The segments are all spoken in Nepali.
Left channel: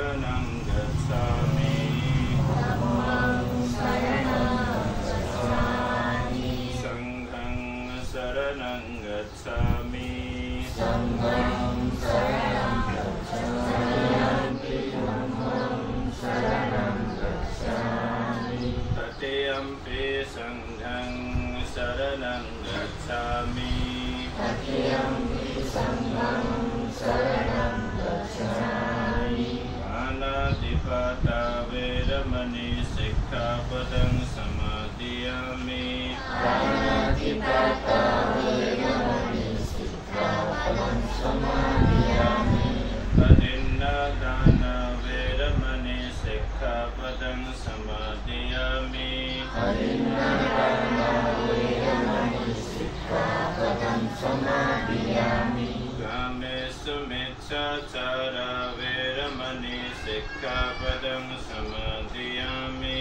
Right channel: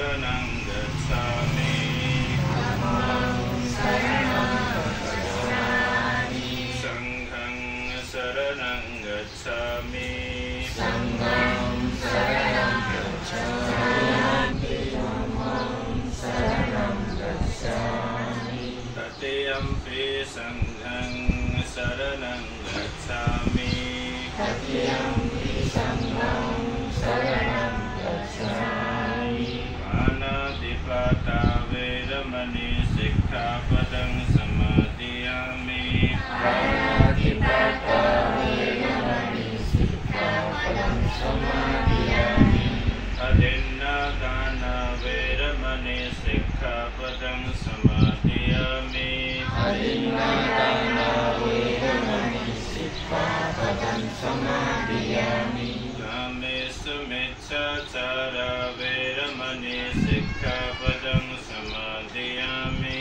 शरणं गच्छामि संघं शरणं गच्छामि तथेयम्पि संघं शरणं गच्छामि पाणातिपाता वेरमणि सिक्खापदं समादयामि अदिन्नादाना वेरमणि सिक्खापदं समादयामि कामेषु मिच्छाचारा वेरमणि सिक्खापदं समादयामि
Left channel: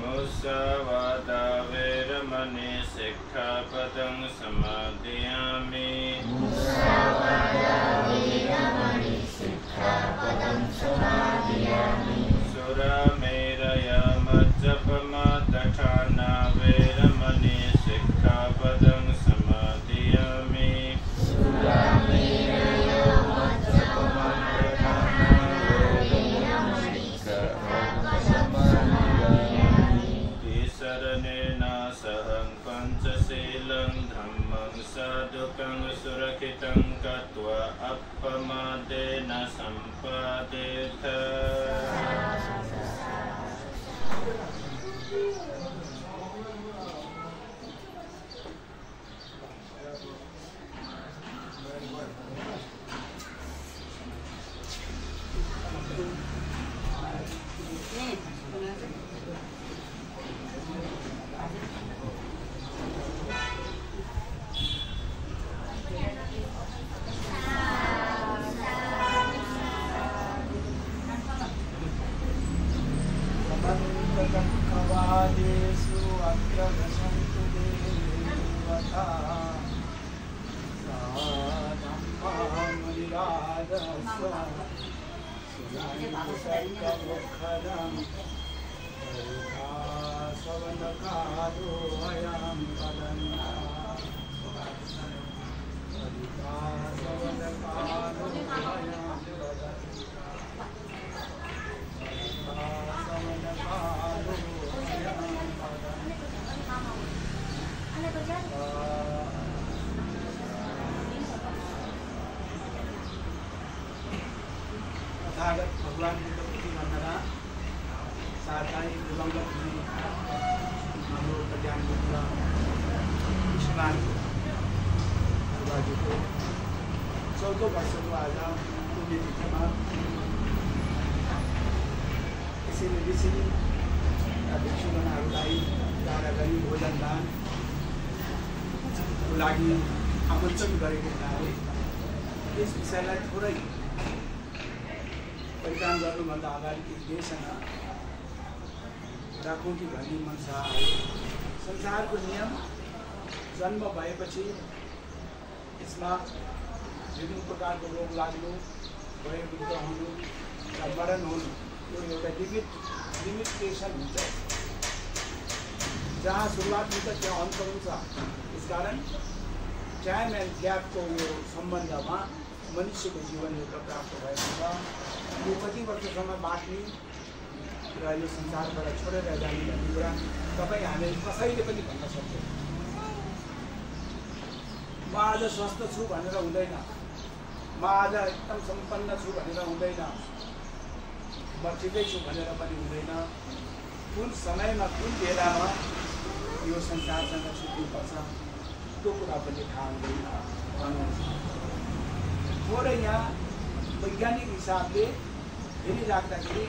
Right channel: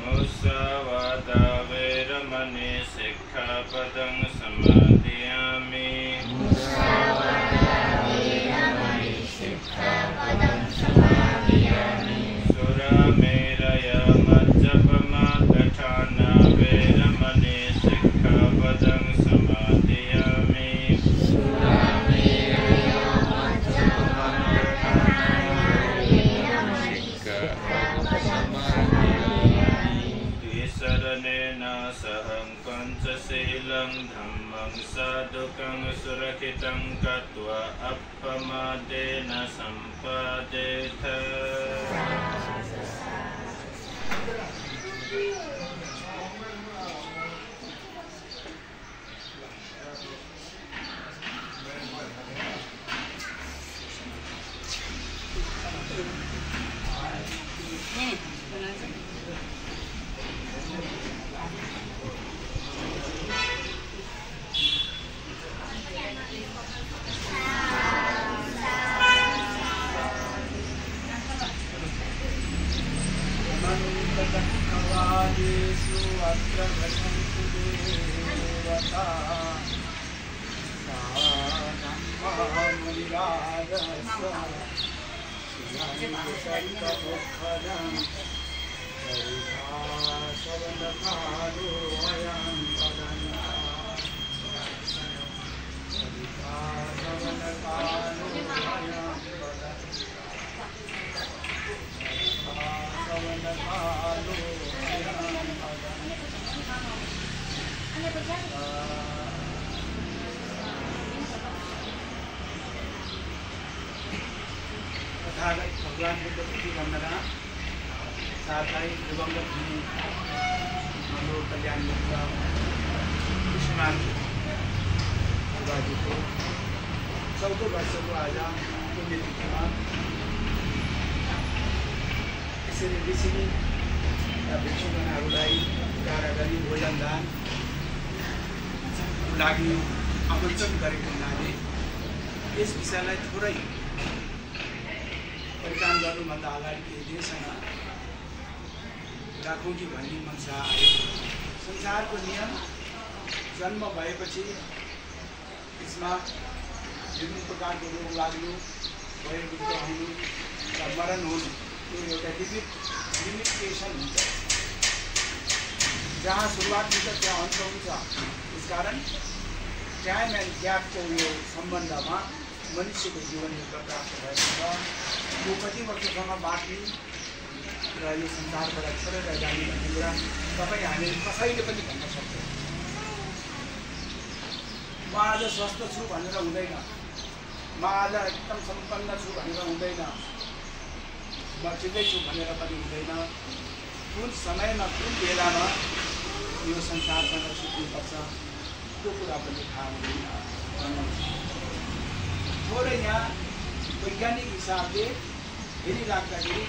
मुसावादा वेरमणि सिक्खापदं समादयामि सुरामेरय मज्जपमादठाना वेरमणि सिक्खापदं समादयामि शरणेन सहं पञ्चशीलं धम्मं साधुकं सुरक्षितं कृत्वा अपमादेन सम्पादेथ भगवान बुद्धप्रति वन्दना साथै दिवंगत हुने हाम्रो कल्याण मित्र कृष्णनाथ दाजुको 14 वर्षको आज पुण्यतिथिमा यसरी ऋषि भिक्षुगणहरूलाई टाढा गरी भोजन दानको लागि आमन्त्रण गरेको हुनाले यस विषयलाई थोरै परिकान गर्नुभन्दा अगाडि केही देशना राखौँ कि भन्ने मनसा आयो। संसारको नियम जन्म भएपछि यसमा विभिन्न प्रकारको रोग लाग्नु, वयोवृद्ध हुनु र मरण हुनु यो एउटा लिमिटेसन हुन्छ। जहाँ सुरुवात हुन्छ त्यहाँ अन्त हुन्छ। यसकारण टाइम एन्ड ग्यापको यो सम्बन्धमा मनुष्यको जीवन एउटा प्राप्त भएको छ। यो कति वर्षसम्म बाँच्ने र यो संसारबाट छोडेर जाने भन्ने कुरा तपाईँ हामी कसैले पनि भन्न सक्दैन। म आज स्वस्थ छु भनेर हुँदैन, म आज एकदम सम्पन्न छु भनेर हुँदैन, म ठिकै छु भनेर पनि हुँदैन। कुन समयमा कुन बेलामा यो संसारसँग छुट्नुपर्छ त्यो कुरा पनि थाहा हुँदैन। थोरै यहाँ वैज्ञानिक हिसाबले हेरिराख्दाखेरि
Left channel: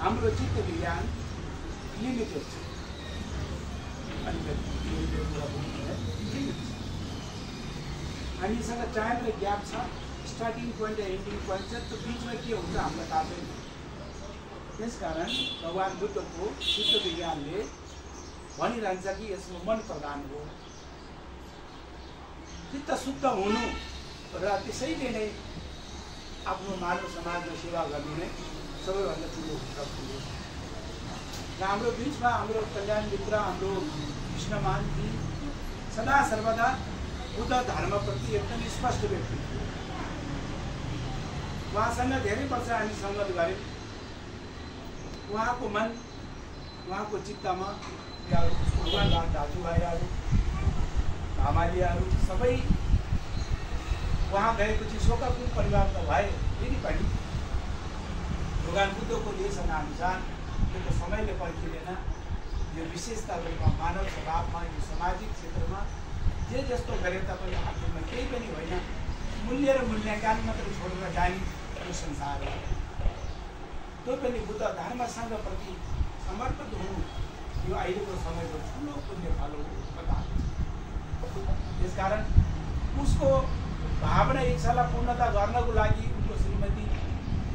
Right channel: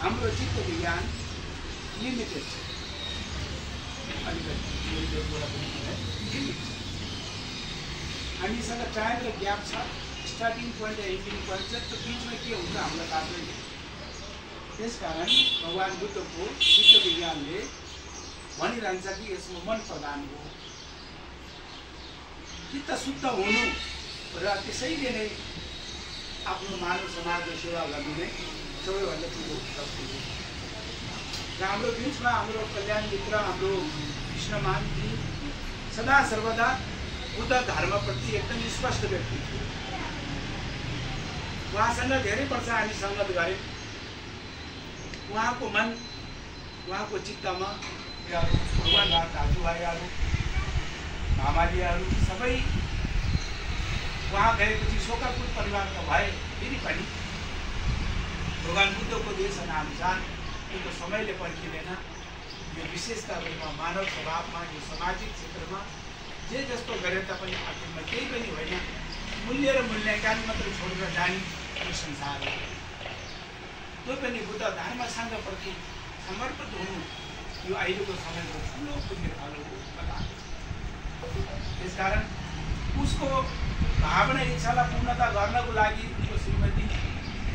हाम्रो चित्त विज्ञान लिमिटेड छ। अलिकति कुरा पनि लिमिट छ। हामीसँग टाइम र ग्याप छ। स्टार्टिङ पोइन्ट र एन्डिङ पोइन्ट छ। त्यो बिचमा के हुन्छ हामीलाई थाहा छैन। त्यसकारण भगवान बुद्धको चित्त विज्ञानले भनिरहन्छ कि यसमा मन प्रधान हो। चित्त शुद्ध हुनु र त्यसैले नै आफ्नो मानव समाजको सेवा गर्नु नै सबैभन्दा ठुलो कर्तव्य हो। हाम्रो बिचमा हाम्रो कल्याण मित्र हाम्रो कृष्णमानजी सदा सर्वदा बुद्ध धर्मप्रति एकदम स्पष्ट व्यक्ति थियो। उहाँसँग धेरै वर्ष हामी सङ्गत गऱ्यौँ। उहाँको मन उहाँको चित्तमा दाजुभाइहरू मामालियाहरू सबै उहाँ गएपछि शोकाकुल परिवार त भए, फेरि पनि भगवान् बुद्धको देशनाअनुसार त्यो समयले पर्खिँदैन। यो विशेषता रूपमा मानव स्वभावमा यो सामाजिक क्षेत्रमा जे जस्तो गरे तापनि आखिरमा केही पनि होइन, मूल्य र मूल्याङ्कन मात्र छोडेर जाने यो संसार हो। त्यो पनि बुद्ध धर्मसँग प्रति समर्पित हुनु यो अहिलेको समयको ठुलो पुण्यफल हो। त्यसकारण उसको भावना इच्छालाई पूर्णता गर्नको लागि उनको श्रीमती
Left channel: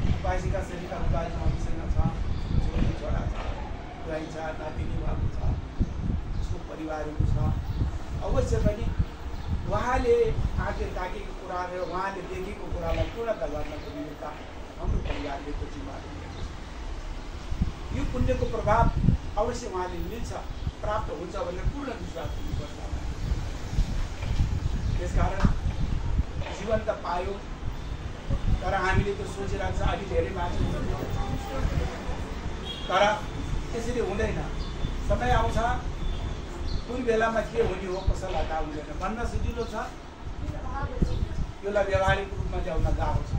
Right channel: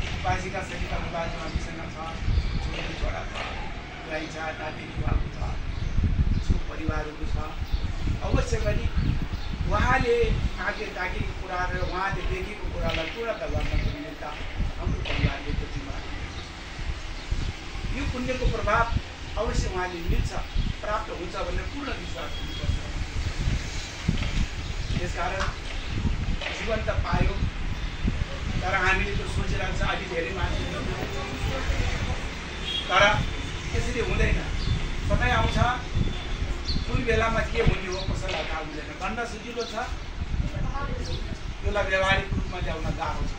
उपासिका सरिता उपासिसँग छ, छोरी छोरा छ, बुहाई छ, नातिनी भएको छ, उसको परिवारहरू छ। अवश्य पनि उहाँले आँखे ताकेको कुरा र उहाँले देखेको कुरालाई पूर्णता गर्नको निमित्त हाम्रो परिवारले त्यो जिम्मेवारी लिन्छ। यो पुण्यको प्रभाव अवश्य उहाँले मिल्छ, प्राप्त हुन्छ भन्ने पूर्ण विश्वास हुनुपर्छ। त्यसकारण जीवन त पायो, तर हामीले त्यो सोचिरहेको छ अलि धेरै मान्छे, तर त्यसरी हुँदैन। समय आउँछ कुन बेलामा के हुने हो कसैलाई थाहा हुँदैन। भन्न सजिलो छ, त्यसलाई व्यावहारिक रूपमा ल्याउन गाह्रो छ।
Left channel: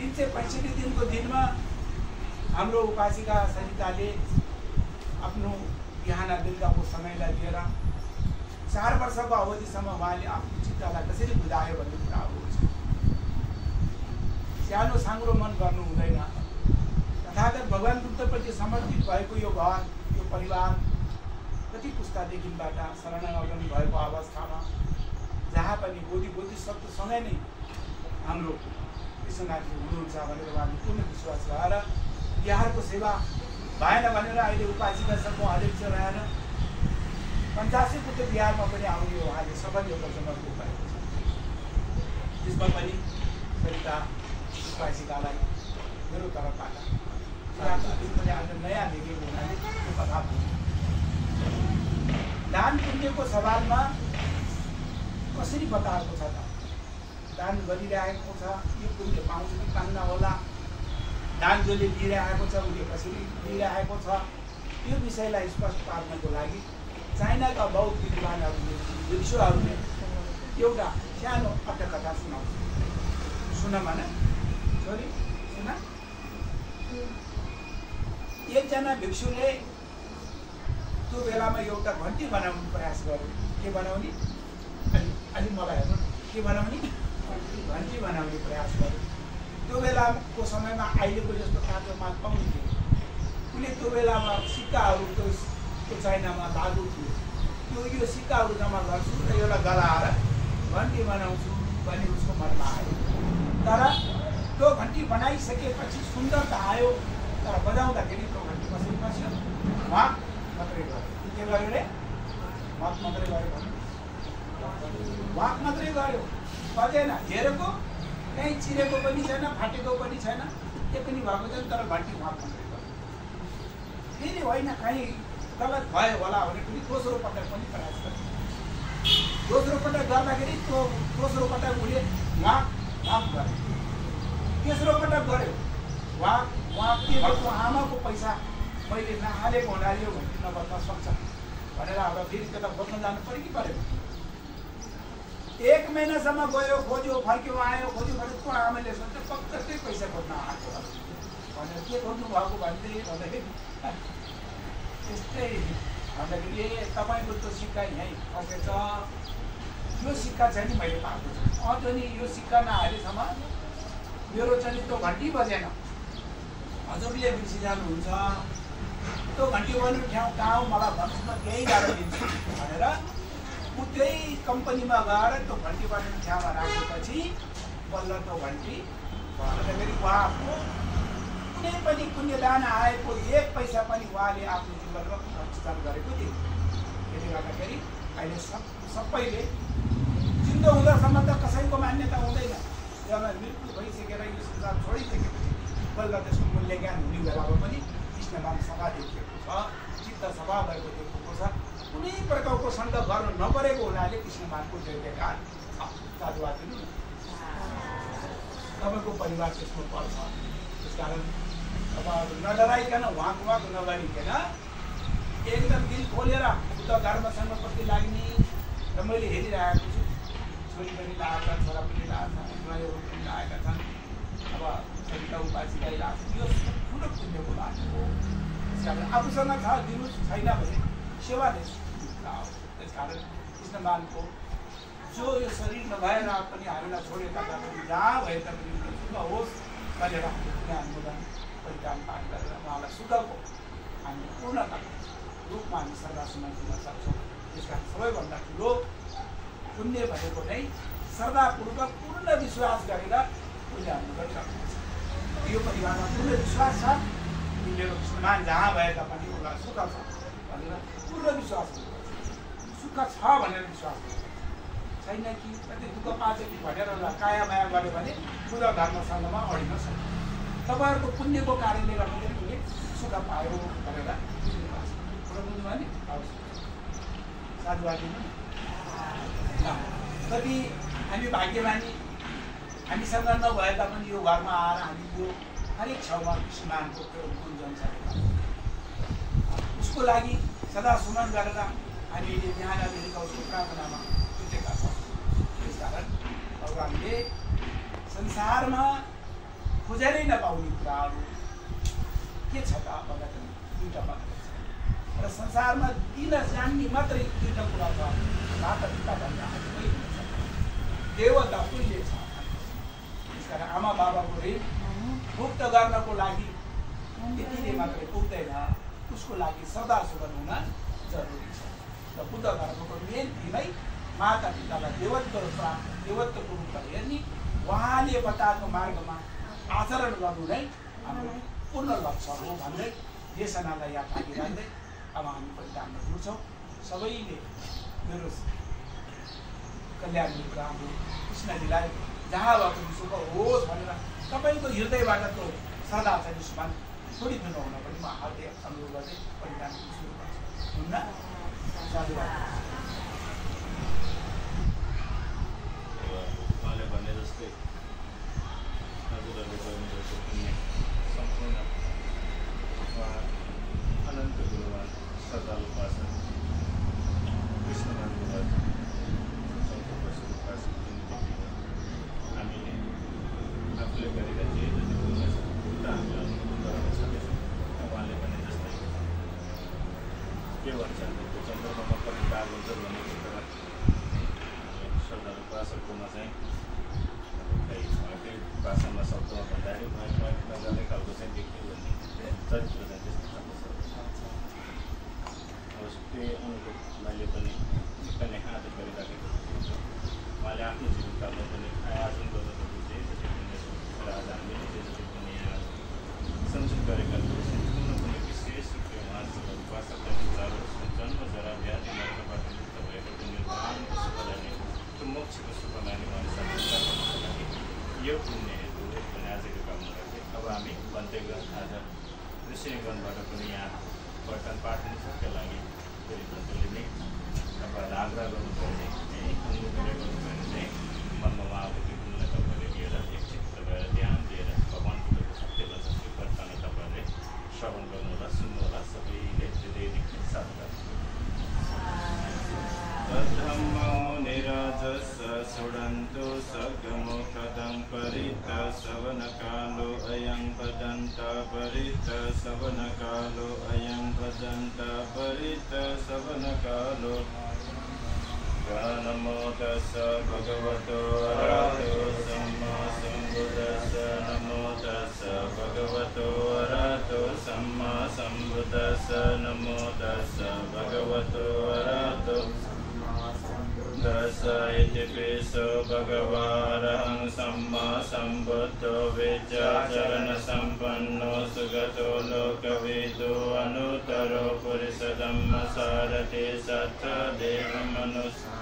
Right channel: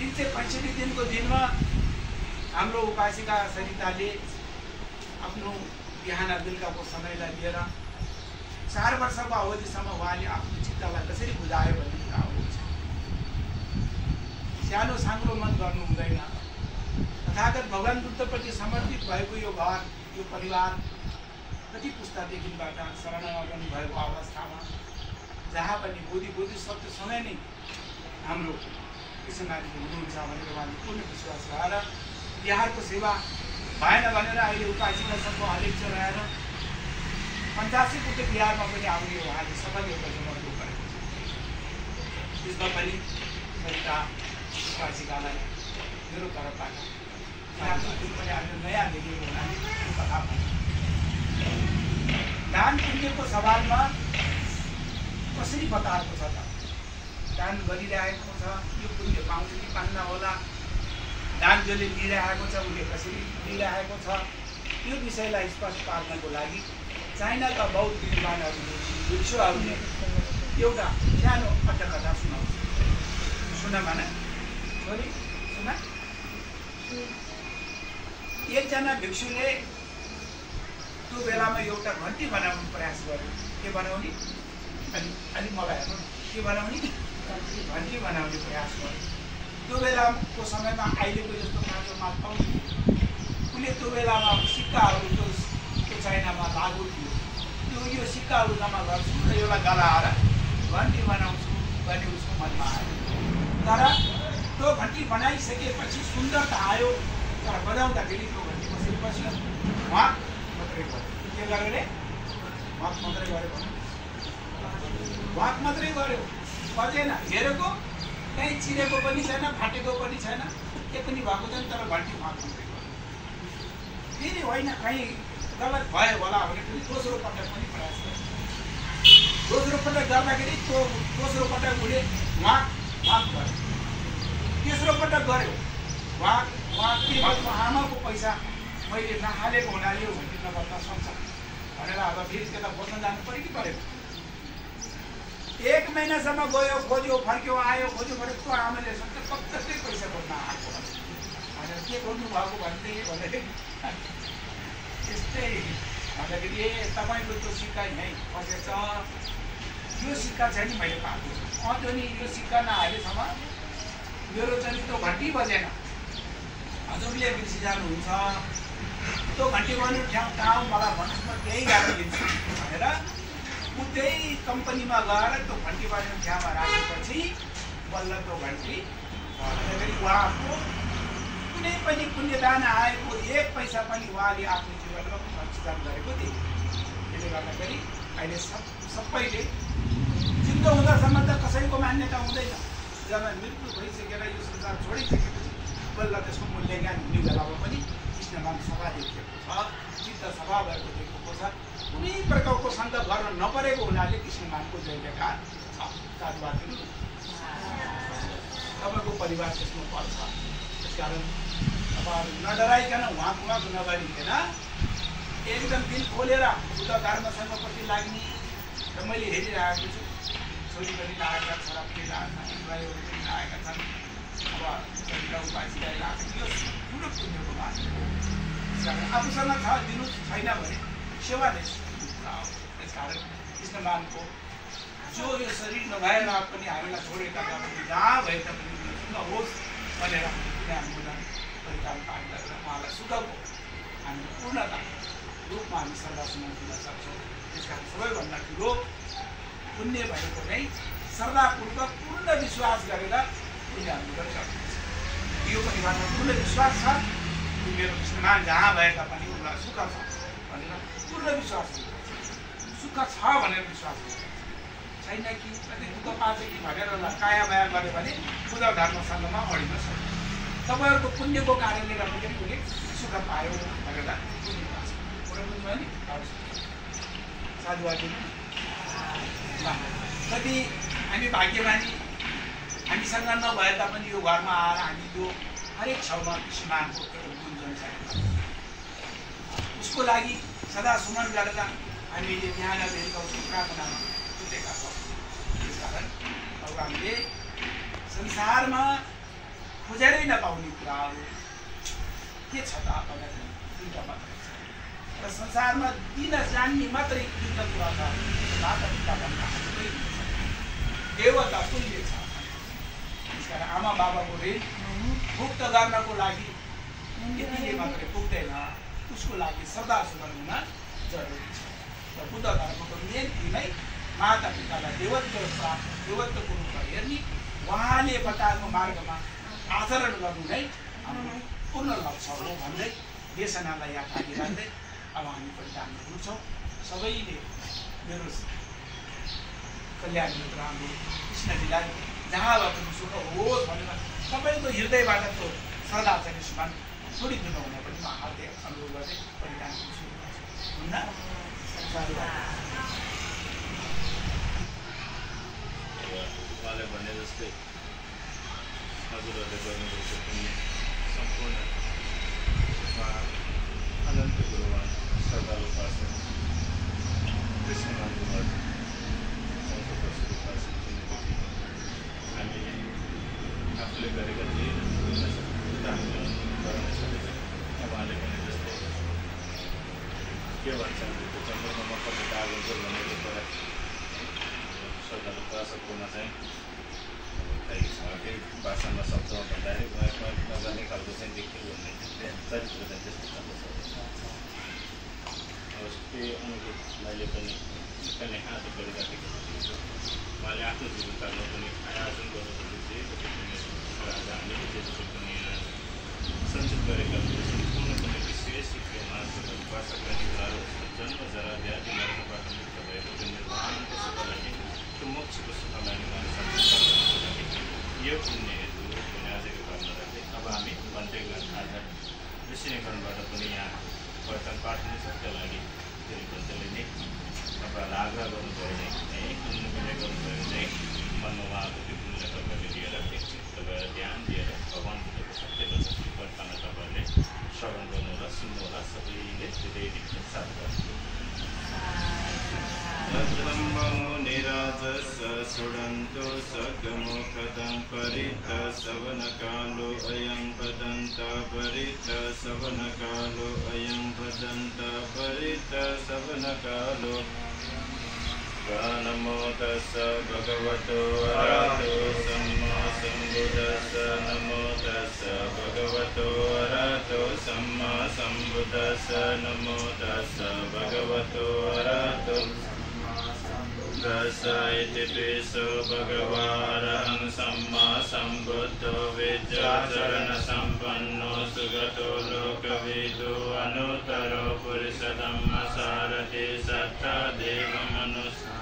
365 दिनको दिनमा हाम्रो उपासिका सरिताले आफ्नो बिहान बेलुकाको समयलाई लिएर 4 वर्षको अवधिसम्म उहाँले आफ्नो चित्तलाई कसरी बुझायो भन्ने कुरा हो। सानो साङ्ग्रो मन गर्नु हुँदैन। तथागत भगवान् बुद्धप्रति समर्पित भएको यो घर, यो परिवार कति पुस्तादेखिबाट शरणागमन भएको अवस्थामा जहाँ पनि बोधी शब्दसँगै नै हाम्रो कृष्णनाथजी हुनुहुन्छ भनेर उहाँले पूर्ण विश्वास गरेर बिहारको सेवा भएन भनेर अहिले उपासिका सङ्घको अध्यक्ष रहेर 85 कुटे बिहारमा पनि आउने उहाँले सफल एउटा समर्पण गरेको छ। त्यसमा पनि सरिता उपासिकालाई मेरो तर्फबाट पनि आज नयाँ देखिएको हुनाले त्यो कथा भन्छ। दान पुण्यको सवालमा कसरी बताएको छ त? दान गरिरहेको छ, यो पुण्य पाउँछ कि पान्न होला, दान जसले दिइरहेको छ उसले कसरी दिइरहेको छ, यो विषयलाई स्पष्ट पार्नको लागि चाइनाका बौद्ध विद्वानहरूले भिक्षुहरूले एउटा सानो अट्टकथा सुनाउँछ। सुन भन छोरी सुन। एकजना भिक्षुले त्यो बेलामा एउटा घन्टी बनाउने प्रयास गर्यो। के बनाउने? अलि मलाई हेर्नु, के बनाउने? घन्टी बनाउने प्रयास गर्यो। त्यो बेलाको समयमा अहिलेको जस्तो काँचोमा पाउँथ्यो। उसले त्यो बेलामा सिक्काहरू त्यो चाइनामा लागु थियो। यो सिक्काहरू जम्मा गर्छु र एउटा गलाएर घन्टी बनाउँछु भन्ने उसको मनमा आयो। तर त्यो घन्टी बनाइसकेपछि सुन्दरता आयो, तर बजाउँदाखेरि त्यो घन्टी कसरी बस्यो? वाक मात्रै गर्यो। के गर्यो रे? वाक मात्रै गर्यो। वाक मात्रै गर्यो, बजेन। हेरेको कहीँ चिरेको पनि छैन, फाटेको पनि छैन, के पनि भएको छैन, तर घन्टी वाक मात्रै गर्यो। फेरि होइन कहीँ गलत भयो होला भने पनि दोस्रो पटक पनि प्रयास गर्छ। दोस्रो पटक गर्दाखेरि त्यो दोस्रो पटक उसले वाक वाक गर्यो। तेस्रो पटक गर्यो वाक वाक। के गर्छु? आमाको पैसा मैले नहालेको हुनाले यो घन्टी नबस्न सक्छ भनेर अब फेरि त्यता खोज्न जानु पऱ्यो कि परेको। 1 महिनासम्म गयो, खोज्यो, फर्क्यो, आयो, खोज्यो, फर्क्यो। त्यो आमाले सोध्यो पक्कै पैसा खोज्न आएको भनेर के खोज्नु भएको भन्दाखेरि त्यस्तै भन्दाखेरि ए तपाईँको त्यो सिक्का यहीँ फसेछ, यो सिक्का चाहिँ नि मैले पाएको छु। त्यो नि यो सिक्का नहालेसम्म मेरो चाहिँ त्यो घन्टी बजेन। हजुरले बिर्सि जानुहुन्छ, त्यो घन्टी बज्नु ठाउँ मलाई भन्नुहोस्, म त्यही गाह्रो दिन्छु भनेर ऊ त्यही कम्पनीमा गएर त्यो घन्टी बज्ने ठाउँमा राखेपछि बल्ल त्यो घन्टी भन्दाखेरि उहाँको कुनै पनि पुण्यदान आएको 1 पैसा पनि उहाँले आफ्नो जीवनमा खर्च गरेको थिए। त्यसले गर्दाखेरि अहिले सबैले सम्बन्ध कसैको मान्यता हुँदैन। जब मृत्यु भइसकेर यो संसार छोडिसकेपछि बल्ल त्यसको मूल्याङ्कन हुने बेलामा पनि कृष्णमान सभा देखिएको छ, चित्त सभा भएको देखिएको छ। कुनै प्रकारको सङ्घ गर्न नपरेको हुनाले कृष्णमानको जय जयकार छ। साधुवाद दिनु तपाईँको परिवार त्यसमा पर्छ। त्यसकारण अब नडराइकन वाक नगरिकन एकदम दिल खोलेर उता धर्मसँगपट्टि लाग्ने। र मैले हेरिरहेको छु, छोरी पनि लागेका, छोरा पनि लागेका, बुढाहरू पनि लागेका छन्। अब सरिता उपासिलाई लाग्छ, यो ठुलो पुण्यको बात हो। त्यसकारण आफूसँग छ दिनु, छैन भने सेवा नै हो। त्यसकारण कृष्णमानको जो यो शरीर नभएर पनि हामीलाई छोडेका तापनि जहाँ भए तापनि सुख होस् भनेर हामीले अनुमोदन परिचालन पाठ गरेर उहाँलाई सुखको हामी पूर्णता रूपमा हामी श्रद्धासुमन दिन सक्छौँ। त्यसकारण सबैभन्दा ठुलो पुण्य भनेको नै श्रद्धापूर्वक पूर्ण विश्वास गरेर पुण्य अनुमोदन गर्नुहुन्छ। यो परिवारमा पूर्ण विश्वास छ कि मेरो कृष्णमान जहाँ भए तापनि उनीलाई सुख छ भनेर पूर्ण विश्वास गर्नुपर्छ। सुख छ भनेर विश्वास गर्नुपर्छ, छैन कि कति दुःख पाएको कि भनेर काया माया गऱ्यो भने बुद्ध धर्मसँगमा अडिन सक्छ। तपाईँहरूको पुण्यको कारणले गर्दाखेरि कुनै सुख पायो भनेर बुझ्नुपर्छ। कुरा बुझ्नुभयो नि? साधुवाद दिनु। कति हामी भाग्यमानी, हामीसँग नभए तापनि यो घरमा आएर हामी यो हरेक ठाउँमा कृष्णमानको गुन्जन छ। उसको लागि सदा सुमन गरेर हामीले बिहान बेलुका उसको प्रार्थनामा जुटेका छौँ। त्यसकारण अब हामीले संसारमा खोजेरै नपाउने कुराहरू के छ त भन्दाखेरि दुईवटा मात्रै छ। र संसारमा दिन जान्ने मात्रै दुईवटा कुरा छ, माता पिता भन्दा कोही हुन्छ, देवता तुल्य छ। त्यसकारण आमा बाबाको ऋण मुक्त गर्नको लागि यतिले मात्रै पुग्दैन, उसको लागि सदा सुमन हुन जरुरी छ। र बुद्ध धर्मको मेन नै माता पितालाई देवत्वको रूपमा हेर्ने, उहाँले बताएको मार्गमा आचरण गर्नु नै हाम्रो पूर्ण लक्ष्य हो भन्दै देशनालाई यहाँ थाली राख्दै अब हामी परिधानमा जुट्छौँ। सबैले मेरो कल्याण कुरा हाम्रो कृष्णजीलाई जहाँ भए पनि सुख होस् भनेर सबैको हृदयबाट त्यो सदा चाहिँ सुमन छोडिदिनु हुन पनि म हार्दिक अनुरोध गर्दै परिधान सुरु गर्छु। हुन्न? उहाँले भने जस्तै हजुरहरूले गर्नुभएको पुण्य सम्पूर्ण उहाँ अनन्त गुरुवान श्रद्धालु उपासक कृष्णमानको घर 14 वर्ष उपासक हामीले आफूले गरेका जे हामीले गर्न सकेछौँ। उहाँले भने जस्तै के भन्छन् त्यो चन्द्रमामा कति दाग हुन्छ भनेको कुरा श्रद्धालु उपासककोमा चाहिँ केही भाषामा शब्दमा भन्दाखेरि उहाँ नगर्ने खालको चाहिँ देखियो भन्ने चरित्र चाहिँ त्यस्तो खालको छ। अब त्यही अनुरूपलाई पनि निकै आदर गरिराखेको छ। उहाँले आफ्नो जीवनकालमा पनि आयोजन गर्नुपर्ने हामीले पनि सञ्चित गरेका सम्पूर्ण पनि विशेष उहाँसँग उपासकलाई कुराहरू जन्म जरा व्याधि मर्नबाट मुक्त भएको त्यो निर्वाणको सुखको लागि त्यो मोक्षको सुखको लागि उहाँले सञ्चित गर्नको लागि यो पुण्य हेतु भने आजको भावना राख्दै अब हामी भन्दै आज ऋषिनिगणबाट पनि यहाँ वर्तन पाठ हुने छ। त्यो लागि फेरि भन्दैले नै तपाईँहरूलाई आग्रह गर्नुभयो भने अन्य गर्नुभयो भने मनमा उहाँको त्यो पुण्य तपाईँले लिएर एकछिन तपाईँलाई ध्यान दिएर भगवान् बुद्धको सत्य वचन वर्तमान तपाईँहरूले श्रवण गर्नुहोला, सुन्नुहोला। सबैले धेरै साथ गर्नु। धम्मो निराजस सुडन्तु सगमोखदं परित सवनकालो अयं वदन्त परित सवनकालो अयं वदन्त परित सवनकालो। नमो तस्स भगवतो अरहतो सम्मा सम्बुद्दस्स। नमो तस्स भगवतो अरहतो सम्मा सम्बुद्दस्स। नमो तस्स भगवतो अरहतो दस इति पिसो भगवारहं सम्मा सम्बुद्धो विद्याचरण संपन्नो सुगतो लोकविदो अनुत्तरो पुरुषोत्तम सारथि सत्ता देव मनुष्य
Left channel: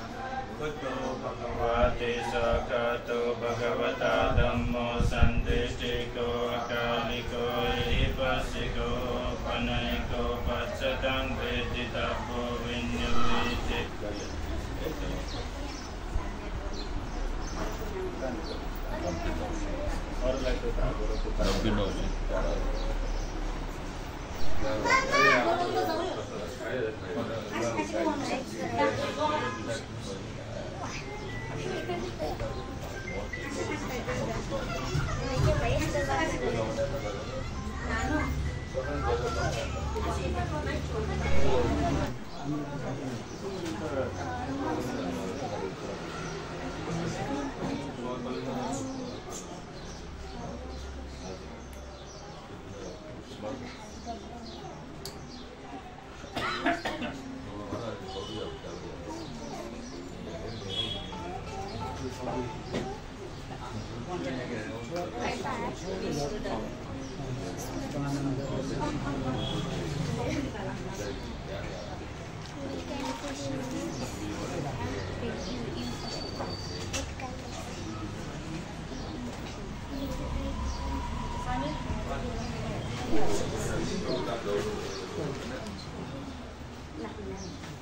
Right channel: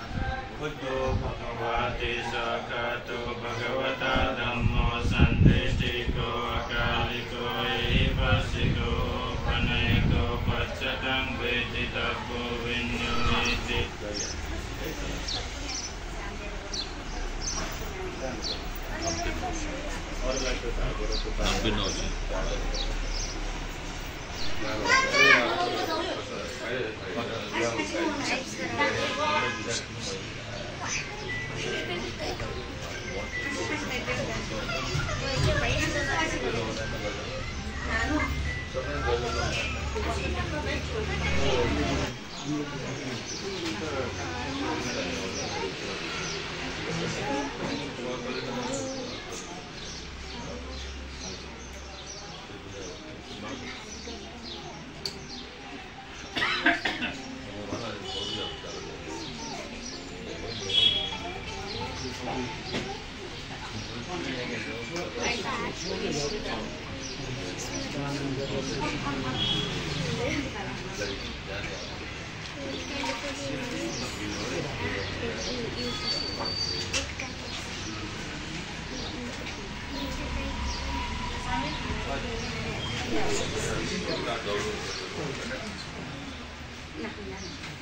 कुतो भगवते सखतो भगवता धम्मो संतिष्ठितो अकालिको एवसिको पनयको पश्चतं वेदितव्यो विन्युति और लगता था गोरो को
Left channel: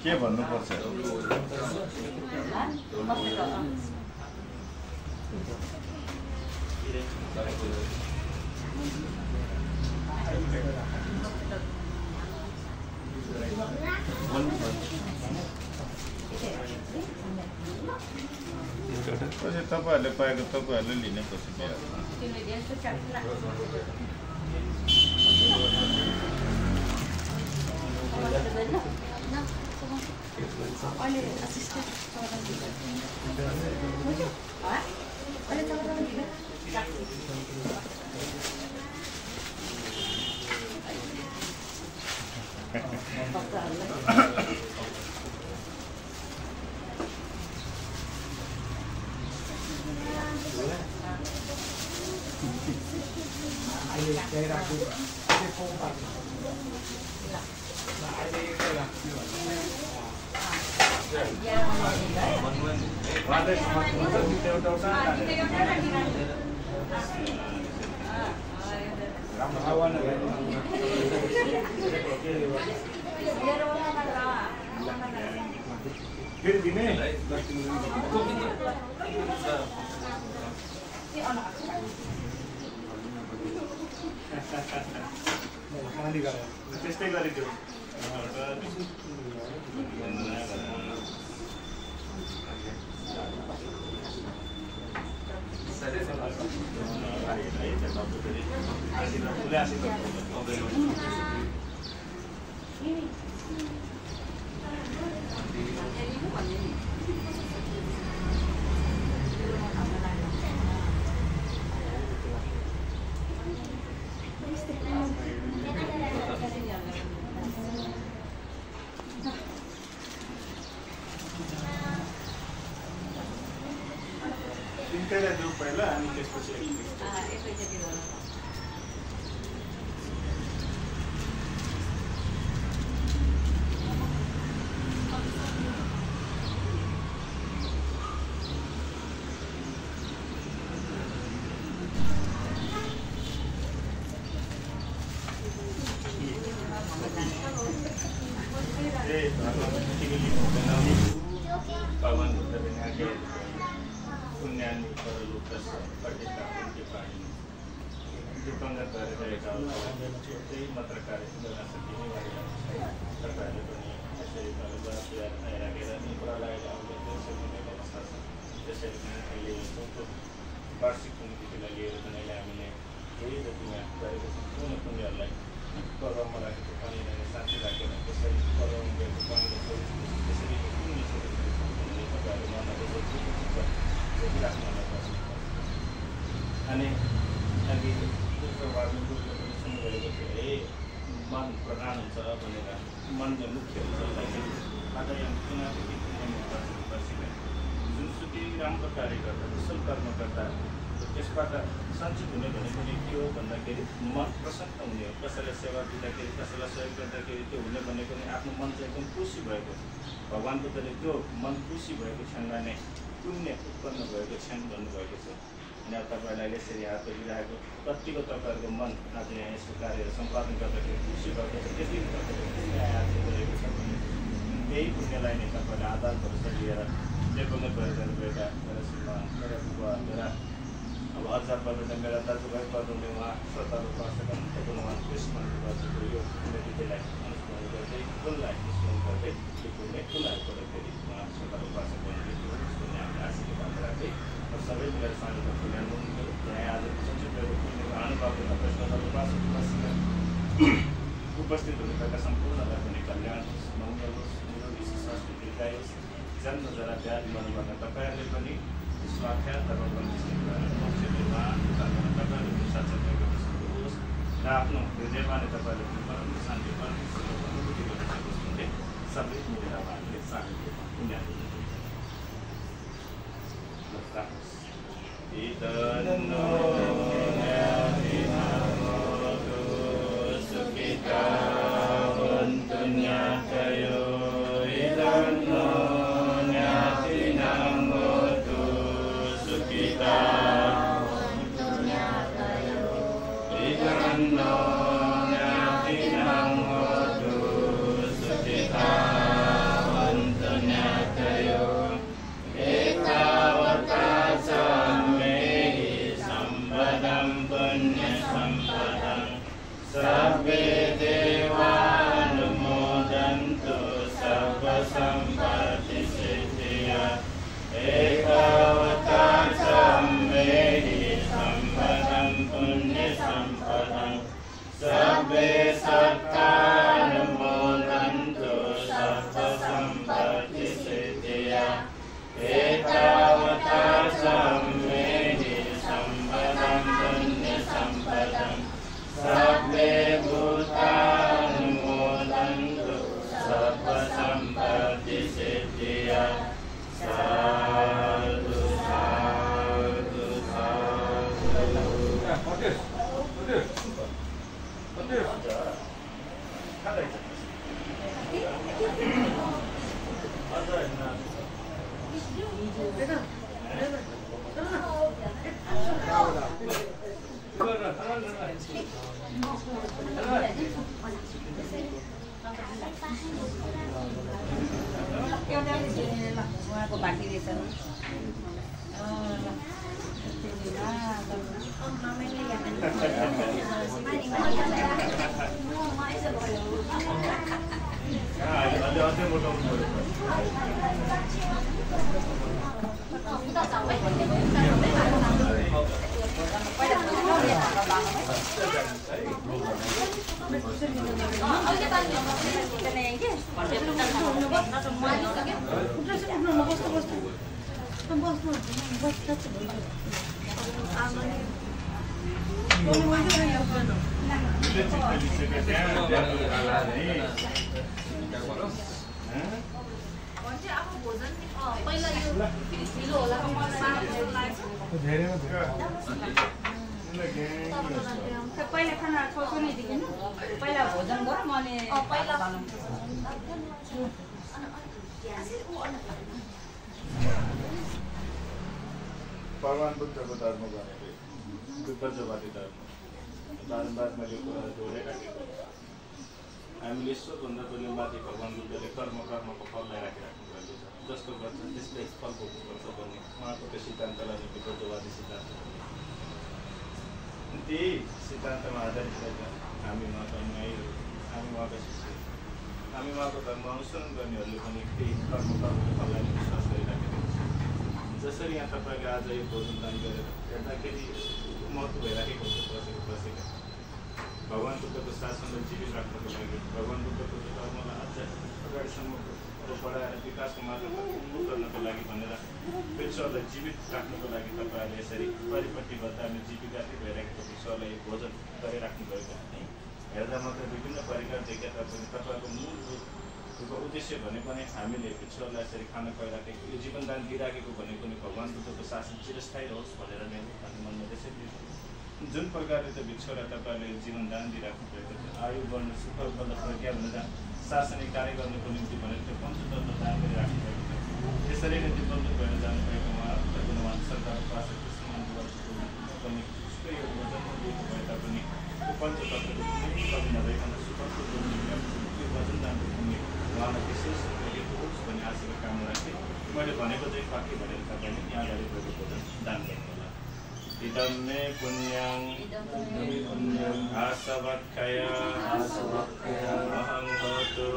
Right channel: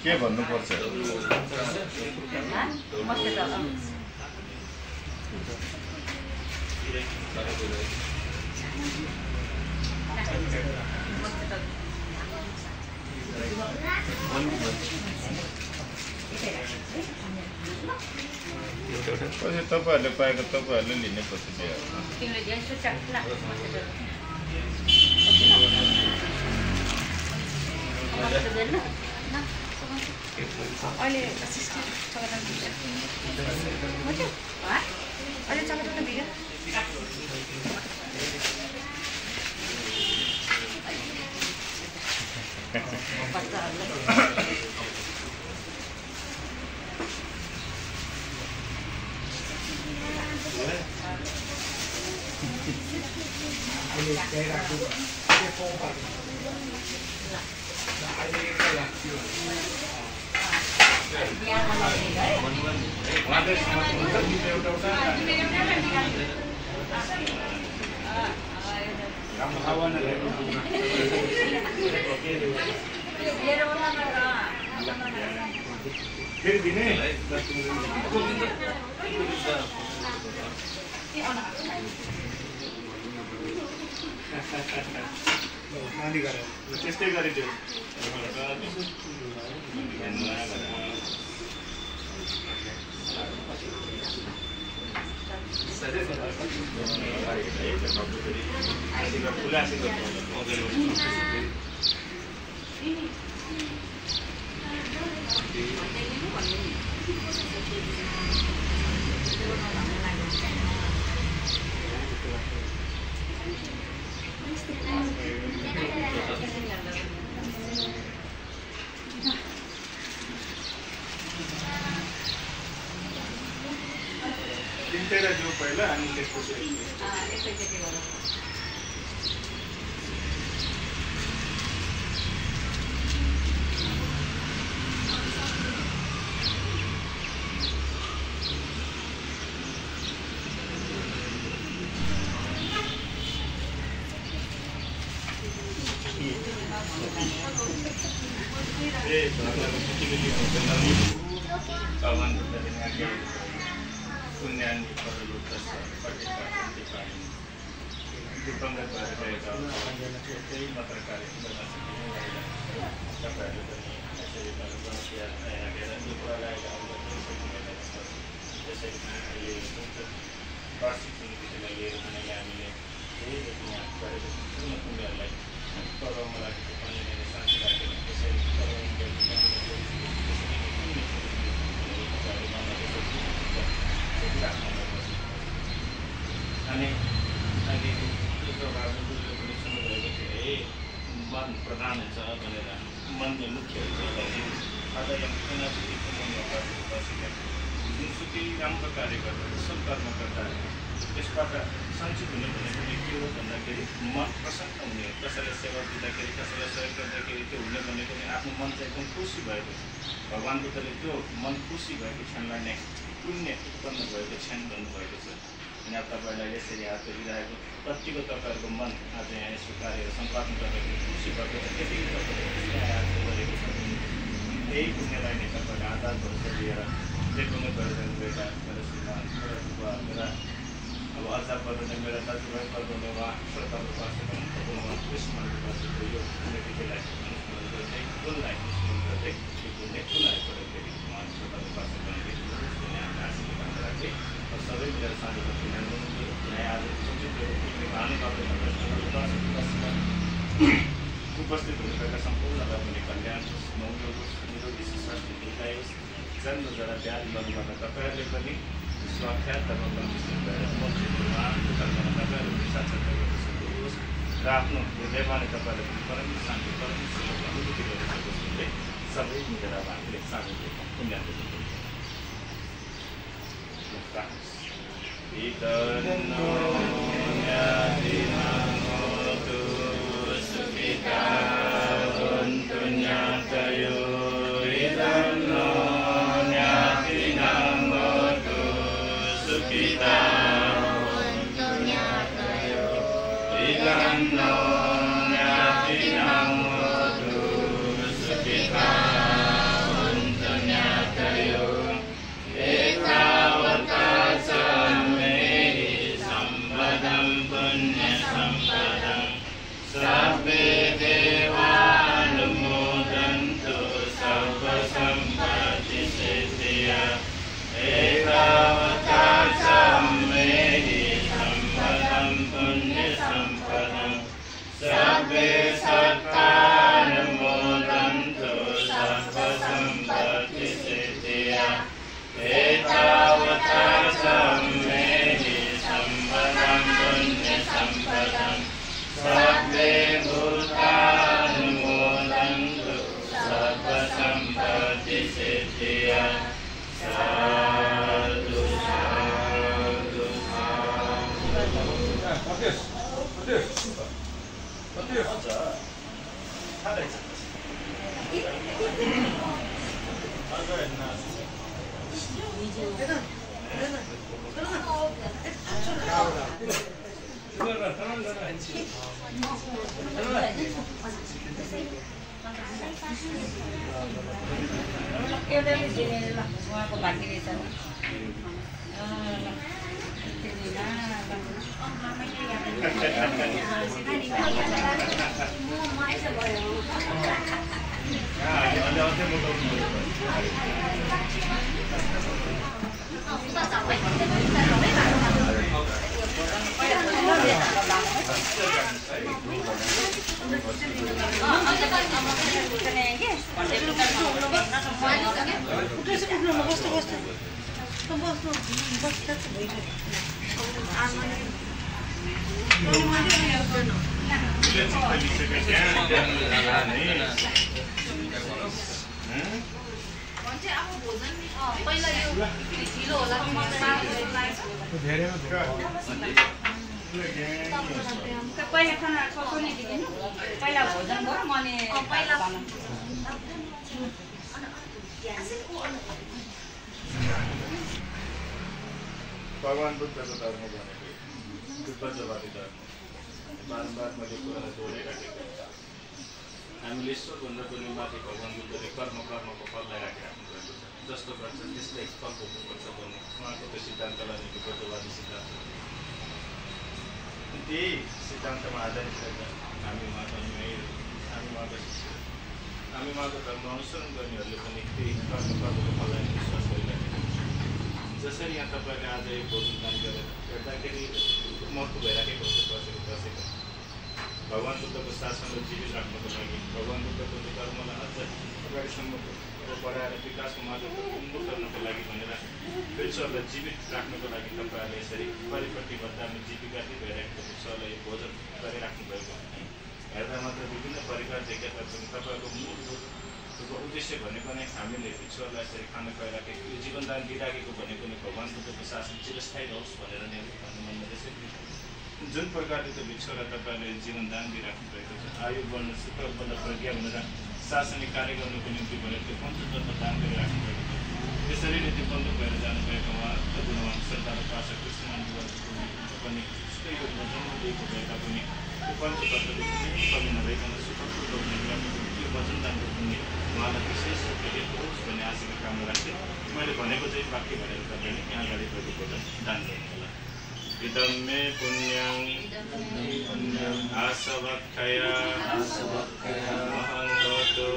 के भन्नुपर्छ तपाईहरुले पाएको तपाईहरुले लिने पछि त्यस्तै गरिदियो तिनवटा जो पहिला अनि त्यसपछि पुण्याన్ని परलोकस्य पठितानि दिपंगत भएर गएका त्यही मात्र कार्यक्रम गर्न सकिने तपाईँहरू पनि यसरी गणतन्त्र हेरेर निपुणलाई आउँदा सकिने अवस्था छ। त्यसरी नै अहिले वार्षिक समितिलाई लिएर पनि हामीले धेरै जति यहाँ गरेको सम्पूर्ण पुण्यहरूलाई कर्ममा लागेको पानीले साथी राखेर त्यसरी कर्ममा गएको पानीले त्यसरी अनि अहिले दोस्रो भागमा बुझेर पनि सुन्नुभएको थियो मन प्रधान हुन्छ भनेर मनले मुख्य हुन्छ भन्ने आज यहाँ जुनसुकै राम्रो कार्य गर्दा कुशल कर्म गर्दा त्यसबाट सञ्चित हुने भनेको के हो भन्दाखेरि मन प्रसन्न हुने हो। कसैलाई सेवा दिँदाखेरि कसैलाई सहयोग गर्दाखेरि त्यो हुने भनेको नि आफ्नो मन चाहिँ एकदम खुसी भएको भगवान् बुद्धले त्यो मन खुसी भएको क्षणलाई नै पुण्य उत्पन्न भएको क्षण भन्नुभएको छ। अनि अब तपाईँलाई यसरी हात जोडिरहेको कतिको तपाईँहरूको मन आज यहाँ यसो कार्यहरू सम्पादन गर्दाखेरि खुसी भएको छ, त्यति गरेको छ। त्यही पुण्यलाई नै तपाईँले आधार भरोसा लिएर देखाउनु गएर जानुभएका मेरो श्रीमान मेरा बुबा मेरा अब अझ पर्वले मेरा दाजुभाइ पर्वले उहाँ श्रद्धालु वास्तवमा उहाँ स्मरण गर्दै यो पुण्यतिथिलाई अनुस्मरण गर्दै कुललाई स्मरण गर्दै यो पुण्य कुललाई गर्दाखेरि उहाँ श्रद्धालु वास्तवमा हामीले आशीर्वाद राख्दै सबै मेरो साथीको यहाँ आज भानुभक्त श्रद्धालु वास्तवमा उपस्थित हुनुभएका सम्पूर्णलाई पनि कल्याण मङ्गल निरोगी स्वास्थ्य दीर्घायुष जन्म जरा व्याध गर्नुभएका तपाईँहरूले पनि स्वाख्यात र आफ्नो हृदयमा नै तपाईँले परम शान्ति परमेश्वरको अनुभूति गर्न सक्नुहुन्छ। सबै मिलेर अब हामीले शान्ति पुण्यको पहिले खाना खाउने दिनु पहिला भोजन गरौँ अनि पहिला भगवान् बुद्धको धर्म भनेको विपज्जवादी धर्म बारम्बार मैले कुरालाई जोडिराखेको हामीले ईश्वरभन्दा पनि माथि भगवान् बुद्धले कर्मको फललाई राखिराख्नु भएको छ। जस्तो गर्छ त्यस्तै फल भोग्नुपर्छ भन्ने उहाँको त्यो सिद्धान्तलाई विपज्जवादी सिद्धान्त त्यही सिद्धान्तमा आधारित रहेर हामी उहाँका अनुयायीहरू हामी उहाँका शिष्यहरू हामी उहाँको धर्म अनुसरण गर्नेहरूले पनि त्यही कर्मको फललाई विश्वास गरिराखेको छ। जसरी यहाँ तपाईँले आज यो भोजन दान गरेर हेर्दाखेरि महत्त्व भइराखेको हुन्छ बसेको भगवान् बुद्धको शासनलाई जीवित राख्नको लागि भगवान् बुद्धको धर्मलाई अझ अगाडिसम्मको बढाएर विकासको मार्गमा उन्मुख गर्नको लागि भनेर विश्वलाई जीवित राख्नको लागि तपाईँहरूले यसरी परिपट्टिबद्ध हामी जीविकाती भइरहेको विश्वलाई भोजन गरिराख्नु भएको है। हेर्दा मात्र विभिन्न परिकार देखिए तापनि तपाईँहरूको मूलभूत उद्देश्य भनेको नै हामीले ईश्वरलाई यसरी खाना खुवाइराखेको यो जीवनदान दिइराखेको भनेको नै भगवान बुद्धको शासन चिरस्थायी रहोस् भनेर नै हो भन्ने मनमा त्यसरी जुन प्रकारले त्यो भिक्षुलाई तपाईँहरूले जीवनदान दिइराख्नु भएको छ आयु बढ्न सुख बल प्रज्ञा भनेर शासनिक कार्य गर्नुको निम्ति भनेर त्यो पञ्चतत्व दान गरिराख्नु भएको छ त्यसरी नै त्यो बन्द भएर जानुभएको उहाँ सरकार प्राशा कृष्णको पनि त्यस्तै योजना जन्मिएको भए तापनि त्यो पञ्चतत्वको कुनै कमी नभइकन सुखपूर्व त्यो वचन दानको पुण्य उहाँलाई विशेष भेटेको होस् भन्ने आशाको कामना राखेँ मैले भनेको चाहिँ वाक्य भनेर तपाईँले यहाँ अगाडि भएको भोजन दान गर्नु होला इदं मे पुण्यं आसवक्खया महं भवतु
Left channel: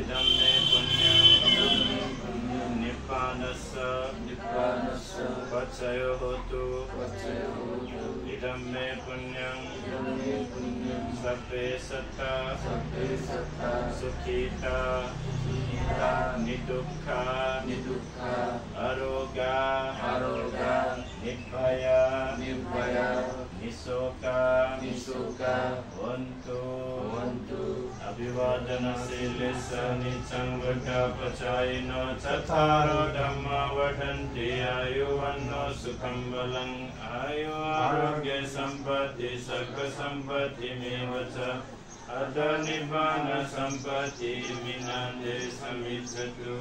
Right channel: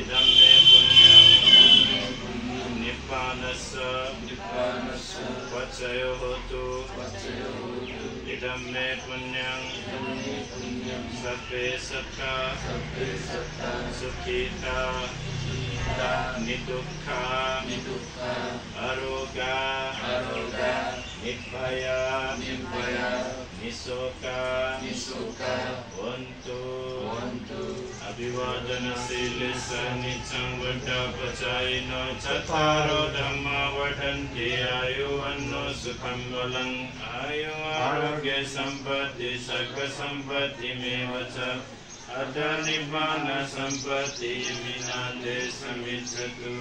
इदं मे पुण्यं निप्पानस्य पचयो होतु इदं मे पुण्यं सर्वे सत्ता सुखिता निदुःखा आरोग्या निर्भया निशोका वन्तु अभिवादनशीलस्य नित्यं वृद्धापचायिनो चत्वारो धम्मा वर्धन्ते आयुवन्नो सुखं बलं आयु आरोग्य सम्पत्ति सर्वसम्पत्तिमेव च अथ निब्बान सम्पत्ति विनाते समिच्छतु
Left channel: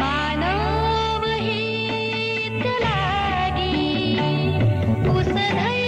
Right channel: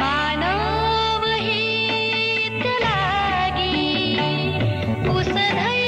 मानव हित लागी उसधै